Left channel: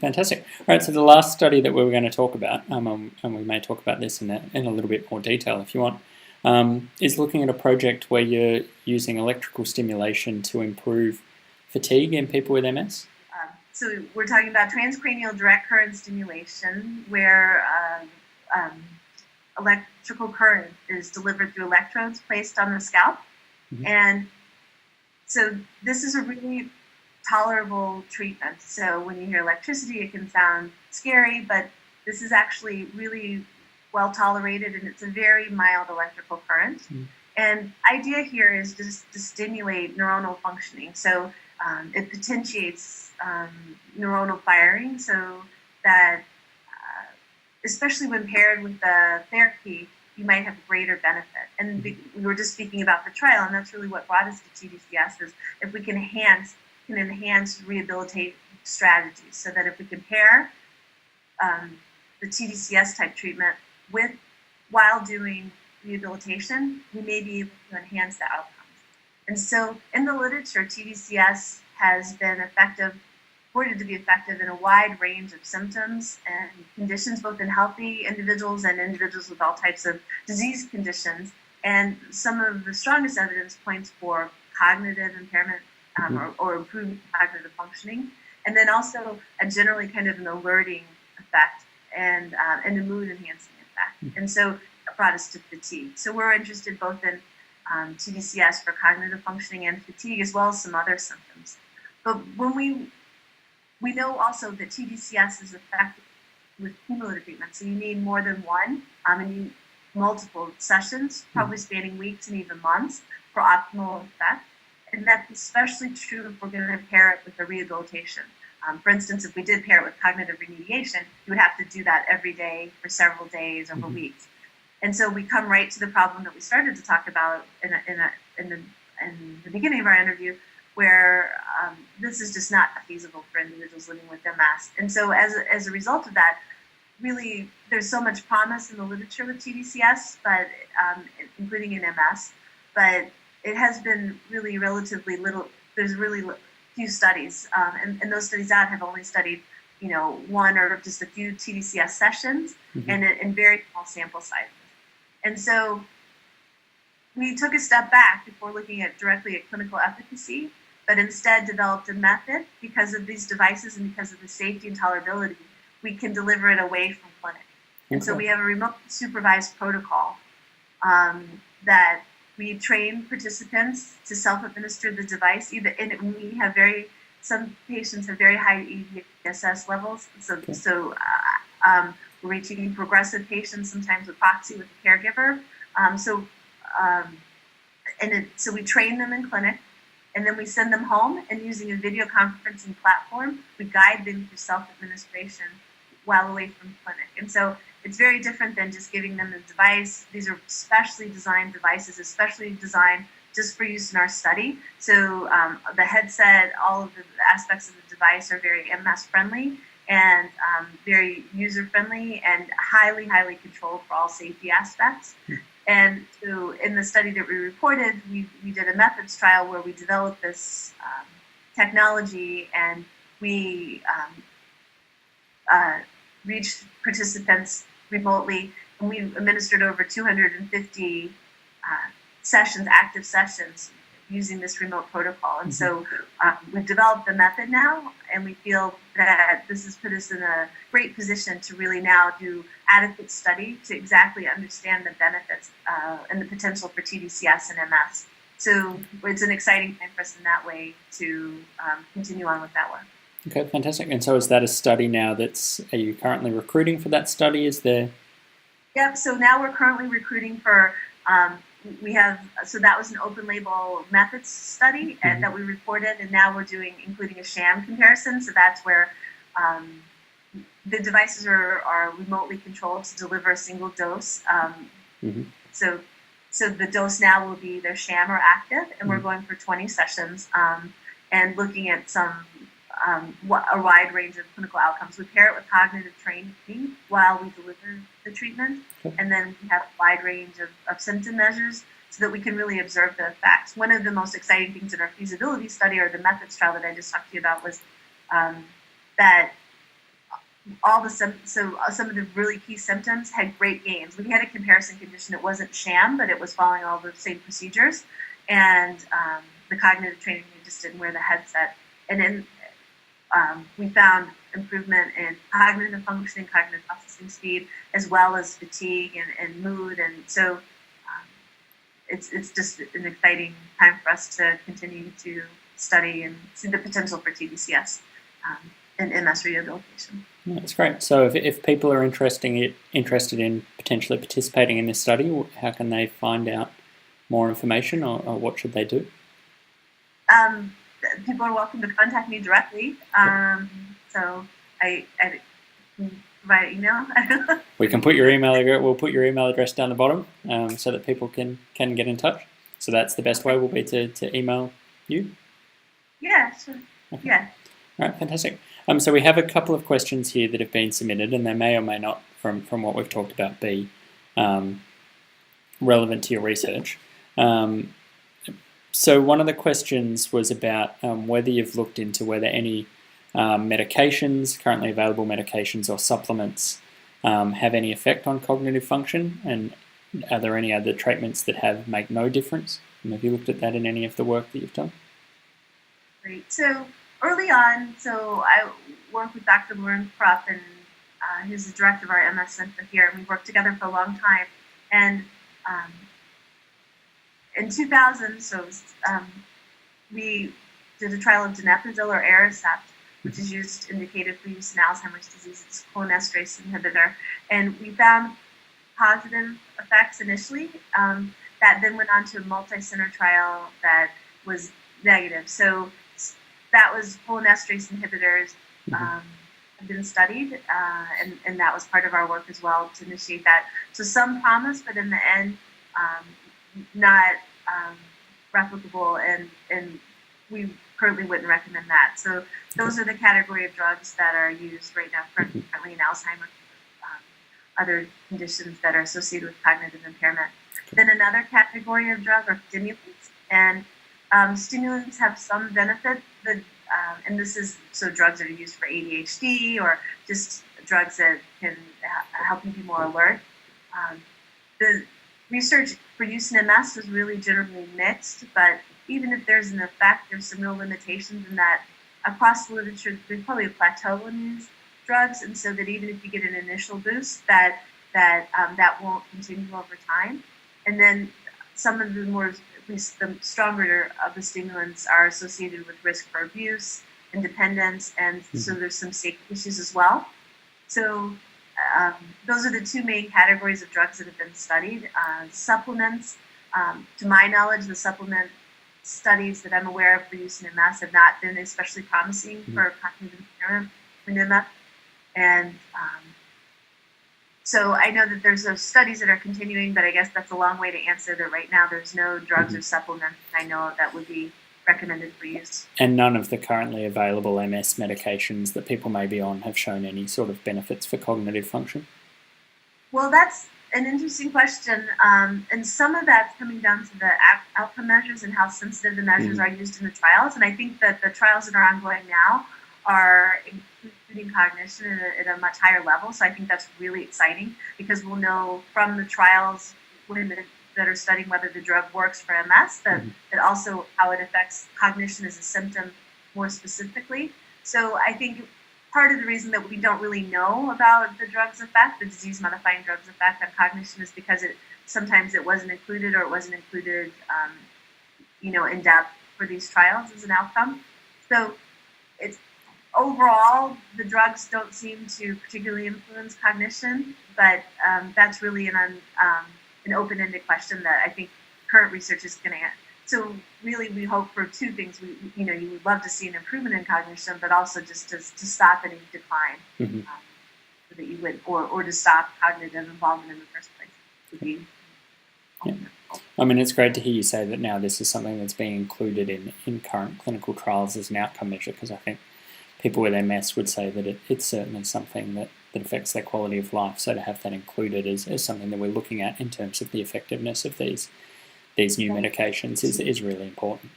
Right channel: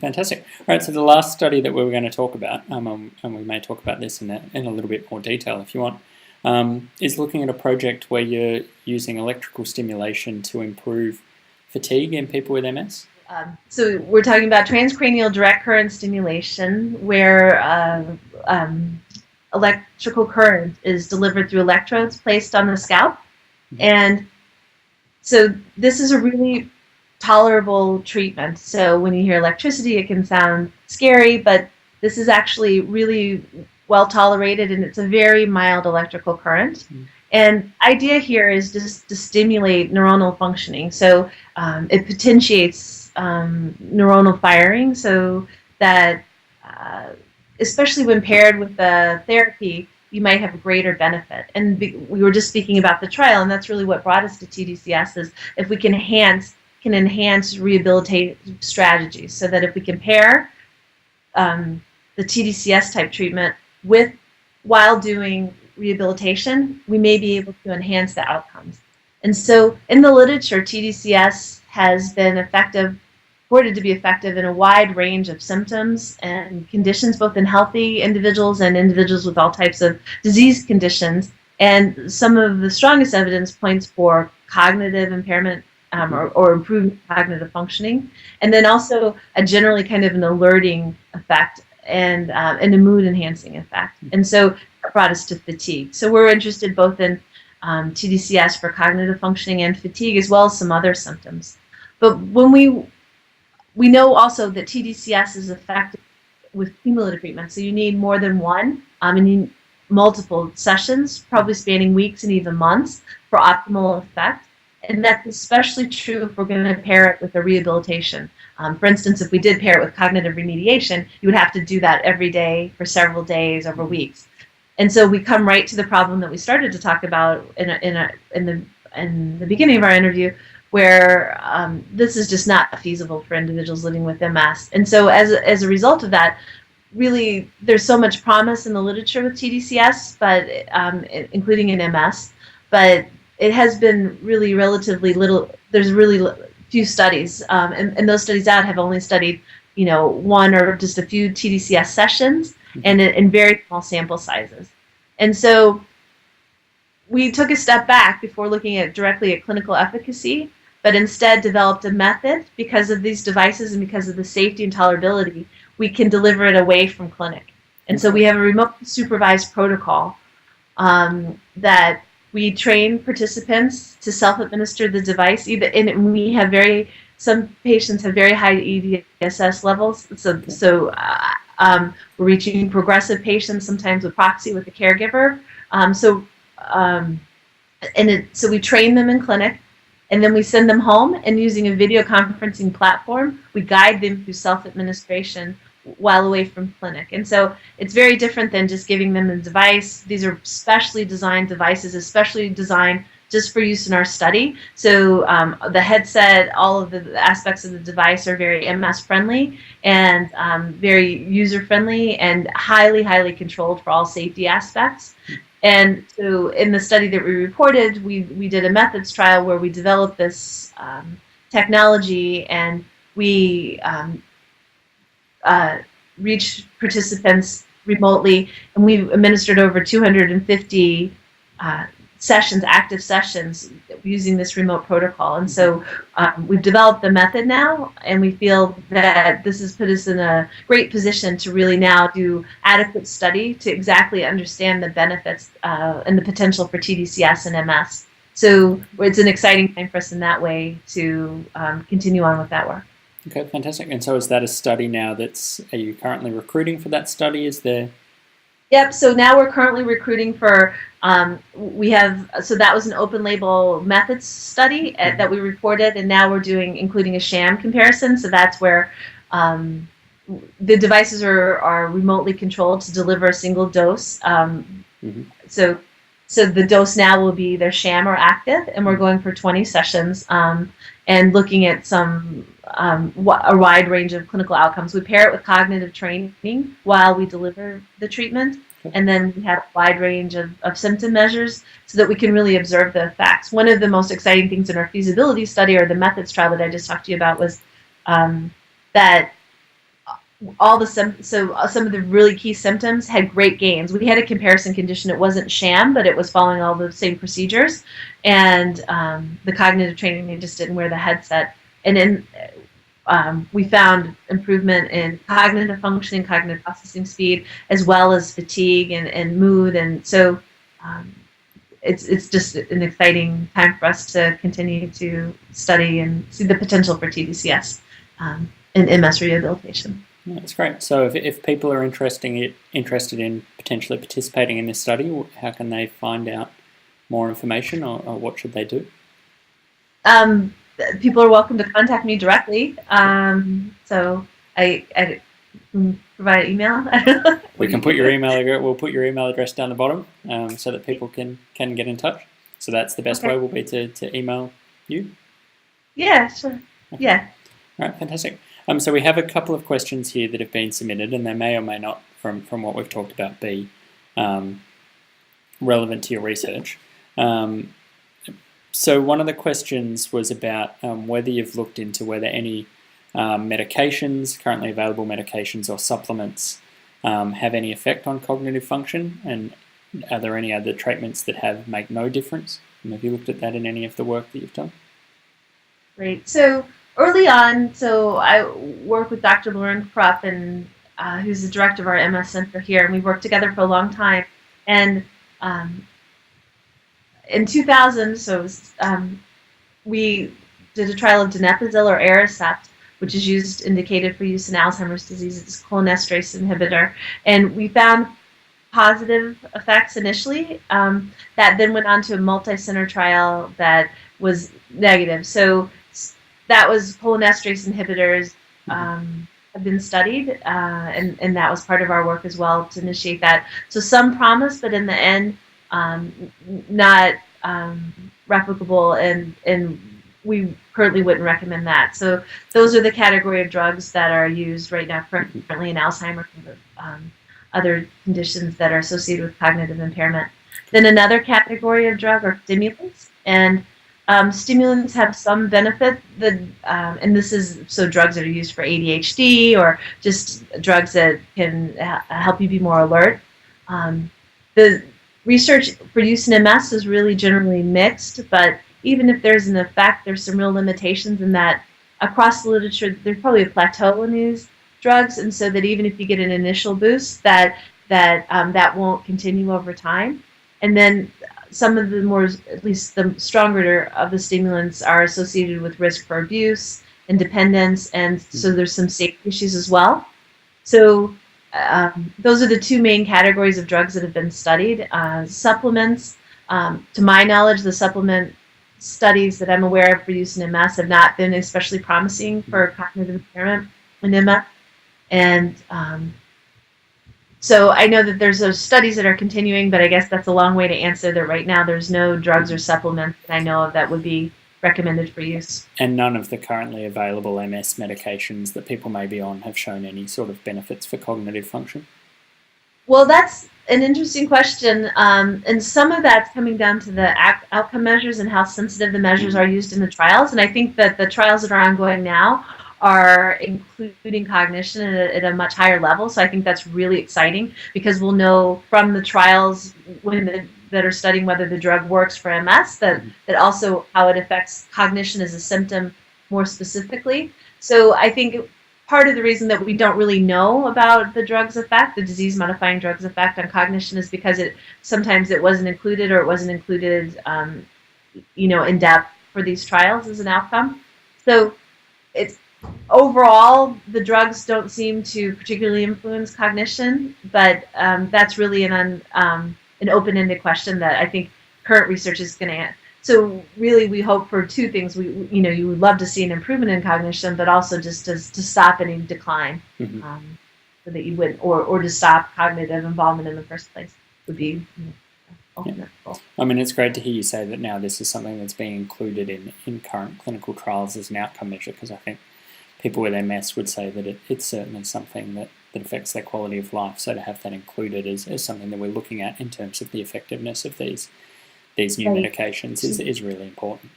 Fantastic. All right, so the last study that we were going to talk about, and we may talk about this in a little bit more detail if you want, is looking at a project where you're using electrical stimulation to improve fatigue in people with MS. So we're talking about transcranial direct current stimulation, where electrical current is delivered through electrodes placed on the scalp. Mm-hmm. And so this is a really tolerable treatment. So when you hear electricity, it can sound scary, but this is actually really well tolerated, and it's a very mild electrical current. Mm-hmm. And idea here is just to stimulate neuronal functioning. So it potentiates neuronal firing, so that especially when paired with the therapy, you might have a greater benefit. And we were just speaking about the trial, and that's really what brought us to TDCS, is if we can enhance rehabilitative strategies, so that if we can pair the TDCS type treatment while doing rehabilitation, we may be able to enhance the outcomes. And so in the literature, TDCS has been reported to be effective in a wide range of symptoms and conditions, both in healthy individuals and individuals with all types of disease conditions. And some of the strongest evidence points for cognitive impairment or improved cognitive functioning, and then also a generally kind of an alerting effect and a mood-enhancing effect. And so it brought us to fatigue. So we're interested both in TDCS for cognitive functioning and fatigue, as well as some other symptoms. But when we know also that TDCS is effective with cumulative treatment, so you need more than one, and you need multiple sessions, probably spanning weeks and even months, for optimal effect. And that's especially true if we're going to pair it with a rehabilitation. For instance, if we did pair it with cognitive remediation, you would have to do that every day for several days over weeks. And so we come right to the problem that we started to talk about in the beginning of our interview, where this is just not feasible for individuals living with MS. And so as a result of that, really there's so much promise in the literature with TDCS, but including in MS, but it has been really relatively little. There's really few studies, and those studies out have only studied, one or just a few TDCS sessions, and in very small sample sizes. And so we took a step back before looking directly at clinical efficacy, but instead developed a method because of these devices and because of the safety and tolerability. We can deliver it away from clinic. And so we have a remote supervised protocol that we train participants to self-administer the device. And we have some patients have very high EDSS levels. So we're reaching progressive patients, sometimes with proxy with the caregiver. So we train them in clinic, and then we send them home, and using a video conferencing platform, we guide them through self-administration while away from clinic. And so it's very different than just giving them the device. These are specially designed devices, especially designed just for use in our study. So the headset, all of the aspects of the device are very MS-friendly and very user-friendly and highly, highly controlled for all safety aspects. And so in the study that we reported, we did a methods trial where we developed this technology, and we reached participants remotely, and we administered over 250 sessions, active sessions, using this remote protocol. And so we've developed the method now, and we feel that this has put us in a great position to really now do adequate study to exactly understand the benefits and the potential for TDCS and MS. So it's an exciting time for us in that way to continue on with that work. Okay, fantastic. And so is that a study now are you currently recruiting for that study? Is there? Yep, so now we're currently recruiting for, so that was an open label methods study that we reported, and now we're including a sham comparison. So that's where the devices are remotely controlled to deliver a single dose. So the dose now will be either sham or active, and we're going for 20 sessions and looking at a wide range of clinical outcomes. We pair it with cognitive training while we deliver the treatment, and then we have a wide range of symptom measures so that we can really observe the effects. One of the most exciting things in our feasibility study, or the methods trial that I just talked to you about, was that some of the really key symptoms had great gains. We had a comparison condition. It wasn't sham, but it was following all the same procedures. And the cognitive training, they just didn't wear the headset. And then we found improvement in cognitive functioning, cognitive processing speed, as well as fatigue and mood. And so it's just an exciting time for us to continue to study and see the potential for TDCS in MS rehabilitation. That's great. So if people are interested in potentially participating in this study, how can they find out more information, or what should they do? People are welcome to contact me directly. So I can provide an email. We can put your email address. We'll put your email address down the bottom so that people can get in touch. So that's the best way will be to email you? Yeah, sure. Okay. Yeah. All right, fantastic. So we have a couple of questions here that have been submitted, and they may or may not, from what we've talked about, be relevant to your research. So one of the questions was about whether you've looked into whether any medications, currently available medications or supplements, have any effect on cognitive function, and are there any other treatments that make no difference? And have you looked at that in any of the work that you've done? Great. So early on, I work with Dr. Lauren Krupp, and who's the director of our MS Center here, and we've worked together for a long time. And in 2000, we did a trial of donepezil or Aricept, which is indicated for use in Alzheimer's disease. It's a cholinesterase inhibitor, and we found positive effects initially. That then went on to a multi-center trial that was negative. So that was cholinesterase inhibitors have been studied, and that was part of our work as well to initiate that. So some promise, but in the end, not replicable, and we currently wouldn't recommend that. So those are the category of drugs that are used right now currently in Alzheimer's and other conditions that are associated with cognitive impairment. Then another category of drug are stimulants, and stimulants have some benefit, and this is drugs that are used for ADHD or just drugs that can help you be more alert. The research for use in MS is really generally mixed, but even if there's an effect, there's some real limitations in that across the literature, there's probably a plateau in these drugs, and so that even if you get an initial boost, that won't continue over time. And then some of the more, at least the stronger of the stimulants are associated with risk for abuse and dependence, and so there's some safety issues as well. So those are the two main categories of drugs that have been studied. Supplements, to my knowledge, the supplement studies that I'm aware of for use in MS have not been especially promising for cognitive impairment in MS. And so I know that there's those studies that are continuing, but I guess that's a long way to answer that right now there's no drugs or supplements that I know of that would be recommended for use. And none of the currently available MS medications that people may be on have shown any sort of benefits for cognitive function? Well, that's an interesting question, and some of that's coming down to the outcome measures and how sensitive the measures are used in the trials, and I think that the trials that are ongoing now are including cognition at a much higher level, so I think that's really exciting because we'll know from the trials that are studying whether the drug works for MS, that also how it affects cognition as a symptom more specifically. So I think part of the reason that we don't really know about the drug's effect, the disease-modifying drug's effect on cognition, is because sometimes it wasn't included, or it wasn't included, in depth for these trials as an outcome. So it's overall, the drugs don't seem to particularly influence cognition, but that's really an open-ended question that I think current research is going to answer. So really, we hope for two things. You would love to see an improvement in cognition, but also just to stop any decline, so that you would, or to stop cognitive involvement in the first place would be. I mean, it's great to hear you say that now this is something that's being included in current clinical trials as an outcome measure, because I think people with MS would say that it's certainly something that affects their quality of life. So to have that included as something that we're looking at in terms of the effectiveness of these new medications is really important.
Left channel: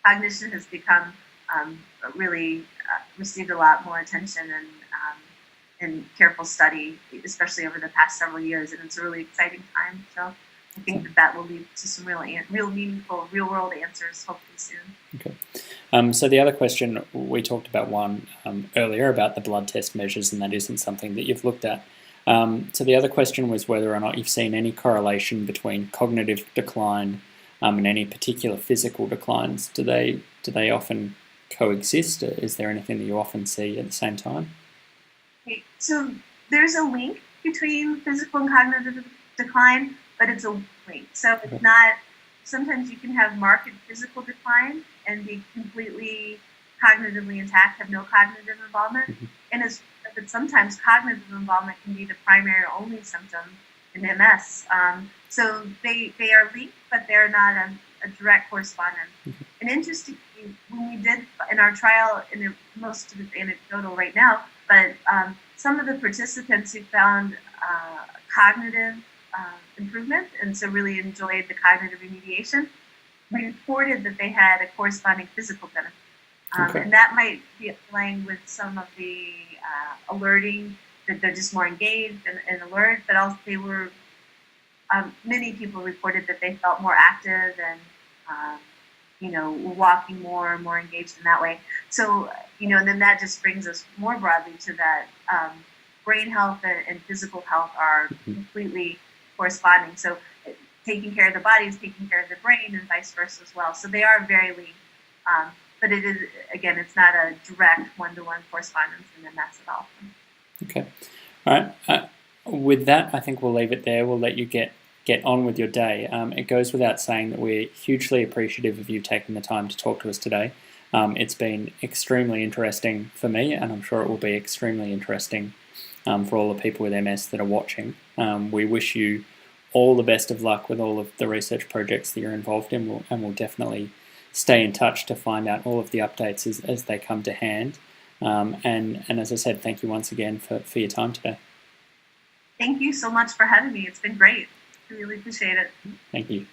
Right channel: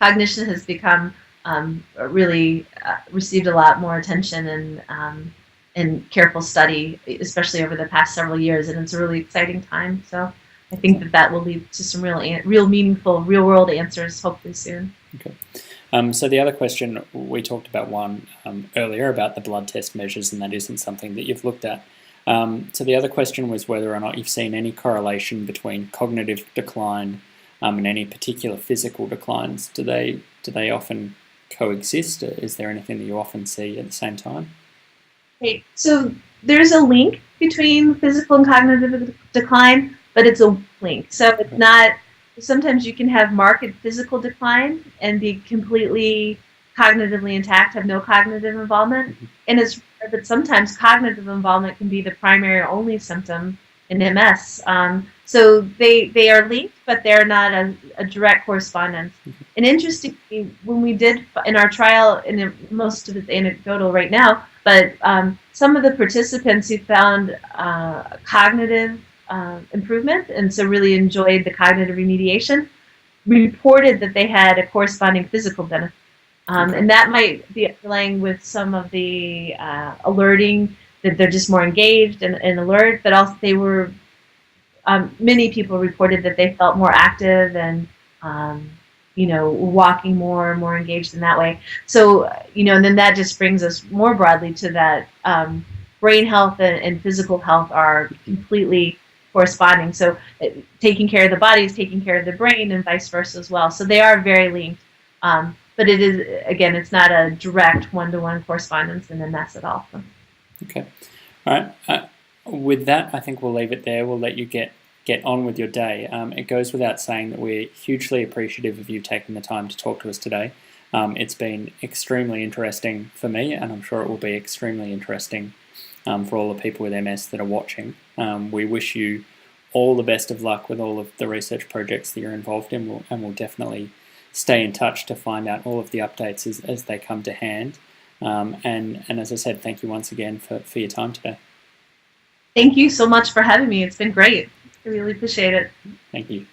Cognition has become really received a lot more attention and careful study, especially over the past several years, and it's a really exciting time. So I think that will lead to some real meaningful, real-world answers hopefully soon. Okay. So the other question, we talked about one earlier about the blood test measures, and that isn't something that you've looked at. So the other question was whether or not you've seen any correlation between cognitive decline and any particular physical declines. Do they often coexist? Is there anything that you often see at the same time? Okay, so there's a link between physical and cognitive decline, but it's a link. So it's not, sometimes you can have marked physical decline and be completely cognitively intact, have no cognitive involvement. But sometimes cognitive involvement can be the primary or only symptom in MS. So they are linked, but they're not a direct correspondence. And interestingly, when we did in our trial, and most of it's anecdotal right now, but some of the participants who found cognitive improvement, and so really enjoyed the cognitive remediation, reported that they had a corresponding physical benefit. And that might be underlying with some of the alerting, that they're just more engaged and alert, but also they were, many people reported that they felt more active and, walking more engaged in that way. So, and then that just brings us more broadly to that brain health and physical health are completely corresponding. So taking care of the body is taking care of the brain and vice versa as well. So they are very linked. But it is, again, it's not a direct one-to-one correspondence in MS at all. Okay. All right. With that, I think we'll leave it there. We'll let you get on with your day. It goes without saying that we're hugely appreciative of you taking the time to talk to us today. It's been extremely interesting for me, and I'm sure it will be extremely interesting for all the people with MS that are watching. We wish you all the best of luck with all of the research projects that you're involved in, and we'll definitely stay in touch to find out all of the updates as they come to hand. And as I said, thank you once again for your time today. Thank you so much for having me. It's been great. I really appreciate it. Thank you.